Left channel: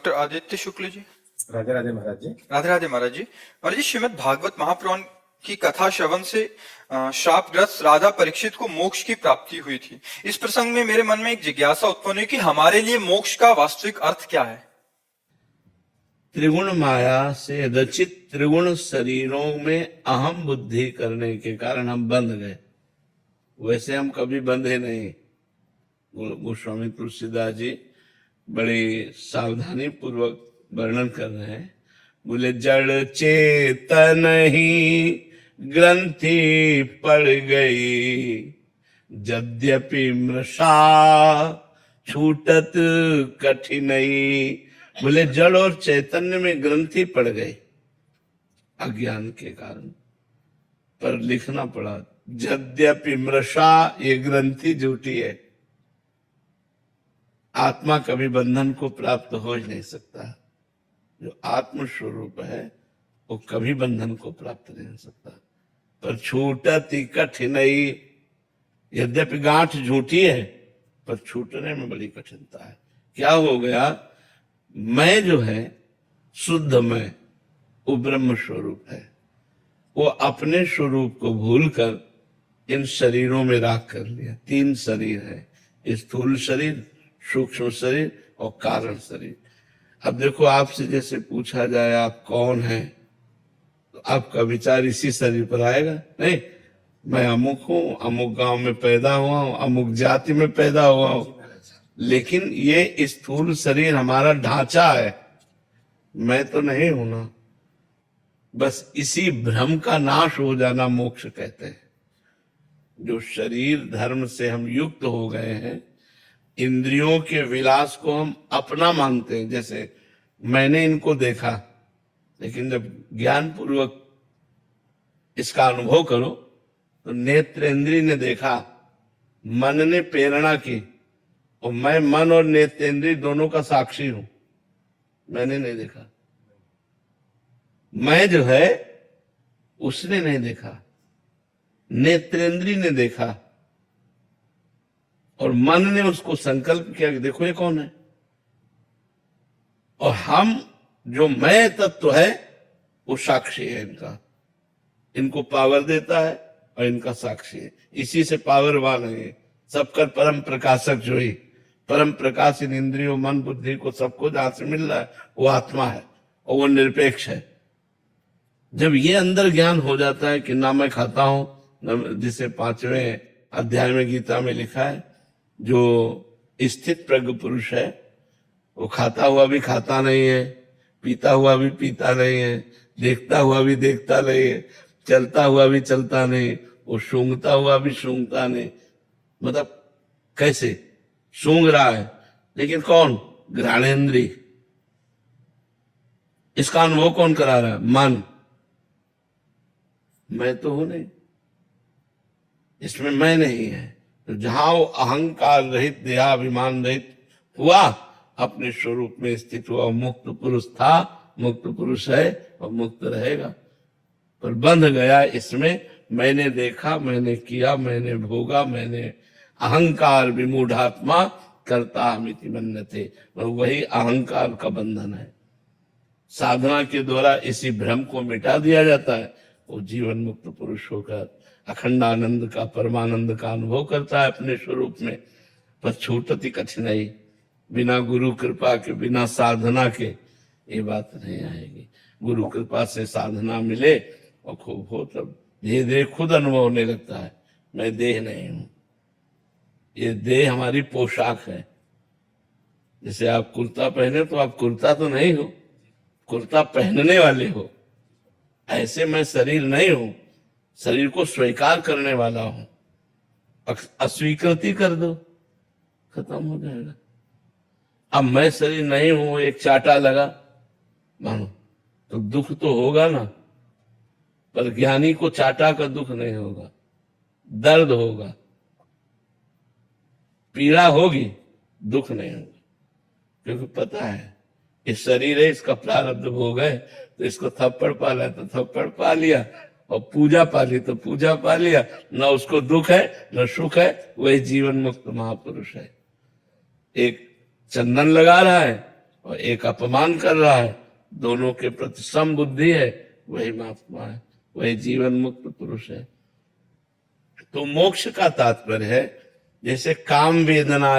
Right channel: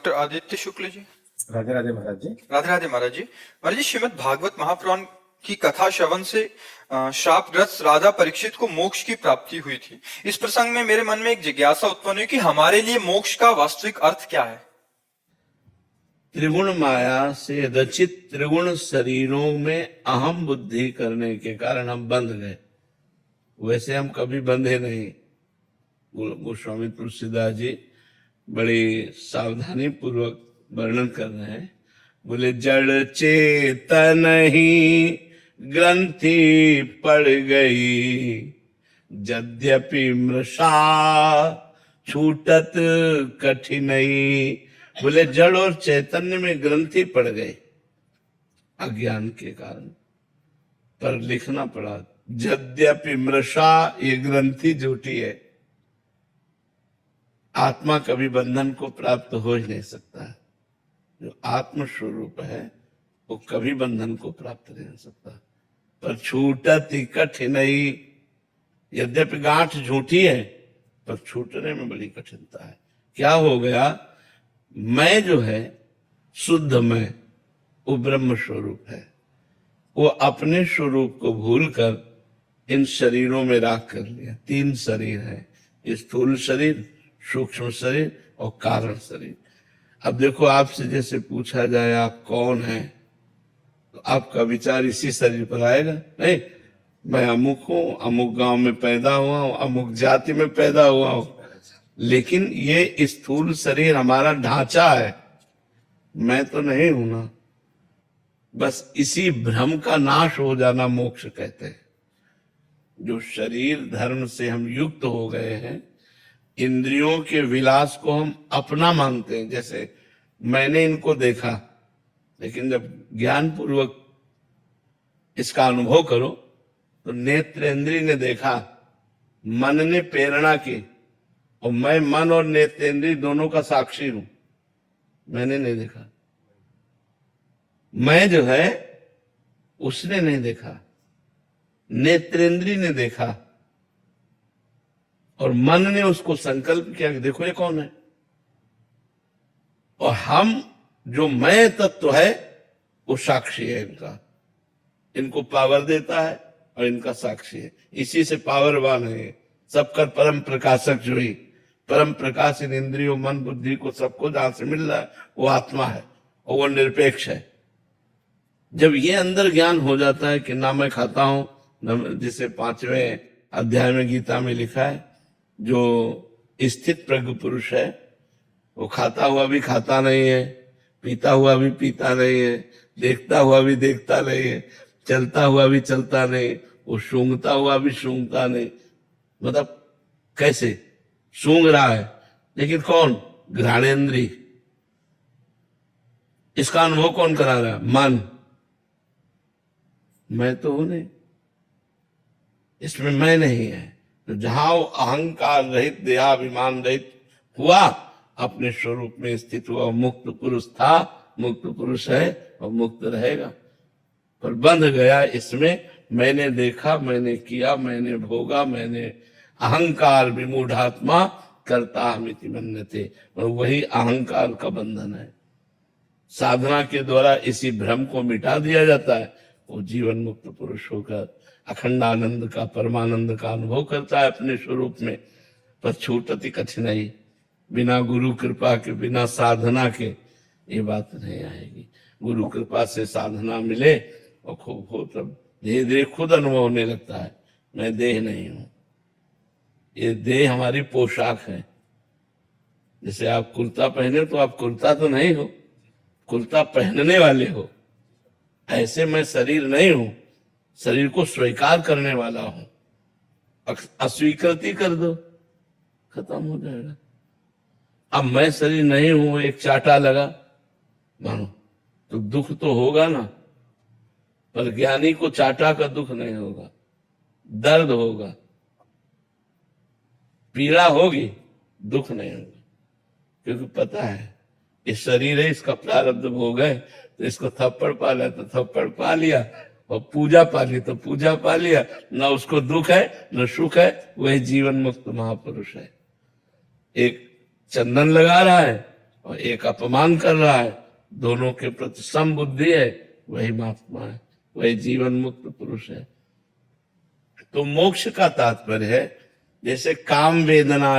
Doctor Aditya Shukla ji. Radhe Radhe महाराज जी। राधे राधे महाराज जी। महाराज जी, श्रीमद् भागवत महापुराण की कथा श्रवण से शापग्रस्त राधा परीक्षित को मोक्ष की प्राप्ति हुई थी। इस प्रसंग में मेरे मन में एक जिज्ञासा उत्पन्न हुई कि हमारे लिए मोक्ष का वास्तविक अर्थ क्या है। त्रिगुण माया से रचित त्रिगुण शरीरों में अहम बुद्धि करने के कारण हम बंध गए। वैसे हम कभी बंधे नहीं। गोस्वामी तुलसीदास जी बड़ी सावधानी पूर्वक वर्णन कर रहे हैं। बोले जड़ चेतन ही ग्रंथि पड़ गई, यद्यपि मृषा छूटत कठिनई। बोले जड़ और चैतन्य में ग्रंथि पड़ गए अज्ञान के कारण, पर लिखना पड़ा यद्यपि मृषा, ये ग्रंथि झूठी है। आत्मा कभी बंधन को प्राप्त हो ही नहीं सकता। जो आत्म स्वरूप है वो कभी बंधन को प्राप्त नहीं हो सकता। पर छूटत ही कठिनई, यद्यपि गांठ झूठी है पर छूटने में बड़ी कठिनता है। क्या हो गया? मैं जो है शुद्ध मैं, वो ब्रह्म स्वरूप है। वो अपने स्वरूप को भूलकर इन शरीरों में राख कर लिया। तीन शरीर है, स्थूल शरीर, सूक्ष्म शरीर और कारण शरीर। अब देखो, आपसे जैसे पूछा जाए आप कौन है, तो आपका विचार इसी शरीर पर आएगा। नहीं, मैं अमुक हूं, अमुक गांव में पैदा हुआ हूं, अमुक जाति में पैदा हुआ हूं। लेकिन ये स्थूल शरीर हमारा ढांचा है, मैं तो नहीं हूं ना। बस इसी भ्रम का नाश हो जाना मोक्ष कहते हैं। जो शरीर धर्म से हम युक्त हो गए हैं, इंद्रियों के विलास को हम अपना मानते हैं। जैसे मैंने इनको देखा, लेकिन जब ज्ञान पूर्वक इसका अनुभव करो तो नेत्र इंद्रिय ने देखा, मन ने प्रेरणा की, और मैं मन और नेत्र इंद्रिय दोनों का साक्षी हूं। मैंने नहीं देखा, मैं जो है उसने नहीं देखा, नेत्रेंद्रिय ने देखा और मन ने उसको संकल्प किया कि देखो ये कौन है। और हम जो मैं तत्व है वो साक्षी है इनका, इनको पावर देता है और इनका साक्षी है। इसी से पावरवान है। सबका परम प्रकाशक जो ही परम प्रकाश इन इंद्रियों मन बुद्धि को सबको जहां से मिल रहा है वो आत्मा है और वो निरपेक्ष है। जब ये अंदर ज्ञान हो जाता है कि ना मैं खाता हूं, ना, जिसे 5वें अध्याय में गीता में लिखा है, जो स्थित प्रज्ञ पुरुष है वो खाता हुआ भी खाता नहीं है, पीता हुआ भी पीता नहीं है, देखता हुआ भी देखता नहीं है, चलता हुआ भी चलता नहीं, वो सूंघता हुआ भी सूंघता नहीं। मतलब कैसे सूंघ रहा है, लेकिन कौन? घ्राणेन्द्रिय। इसका अनुभव कौन करा रहा है? मन। मैं तो हूं नहीं, इसमें मैं नहीं है। तो जहां वो अहंकार रहित, देहाभिमान रहित हुआ, अपने स्वरूप में स्थित हुआ, मुक्त पुरुष था, मुक्त पुरुष है और मुक्त रहेगा। पर बंध गया इसमें, मैंने देखा, मैंने किया, मैंने भोगा, मैंने अहंकार विमूढ़ात्मा करता हमिति मन्यते। और वही अहंकार का बंधन है। साधना के द्वारा इसी भ्रम को मिटा दिया जाता है। वो जीवन मुक्त पुरुष होकर अखंड आनंद का, परमानंद का अनुभव करता है अपने स्वरूप में। पर छूटती कठिनाई, बिना गुरु कृपा के, बिना साधना के ये बात नहीं आएगी। गुरु कृपा से साधना मिले और खूब हो, तब धीरे धीरे खुद अनुभव होने लगता है मैं देह नहीं हूं। ये देह हमारी पोशाक है। जैसे आप कुर्ता पहने तो आप कुर्ता तो नहीं हो, कुर्ता पहनने वाले हो। ऐसे मैं शरीर नहीं हूं, शरीर को स्वीकार करने वाला हूं। अस्वीकृति कर दो, खत्म हो जाएगा। अब मैं शरीर नहीं हूं, एक चाटा लगा मानो तो दुख तो होगा ना, पर ज्ञानी को चाटा का दुख नहीं होगा, दर्द होगा, पीड़ा होगी, दुख नहीं होगा। क्योंकि पता है इस शरीर है, इसका प्रारब्ध भोग है, तो इसको थप्पड़ पाला तो थप्पड़ पा लिया, और पूजा पा ली तो पूजा पा लिया। न उसको दुख है न सुख है, वही जीवन मुक्त महापुरुष है। एक चंदन लगा रहा है और एक अपमान कर रहा है, दोनों के प्रति समबुद्धि है, वही महात्मा है, वही जीवन मुक्त पुरुष है। तो मोक्ष का तात्पर्य है जैसे काम वेदना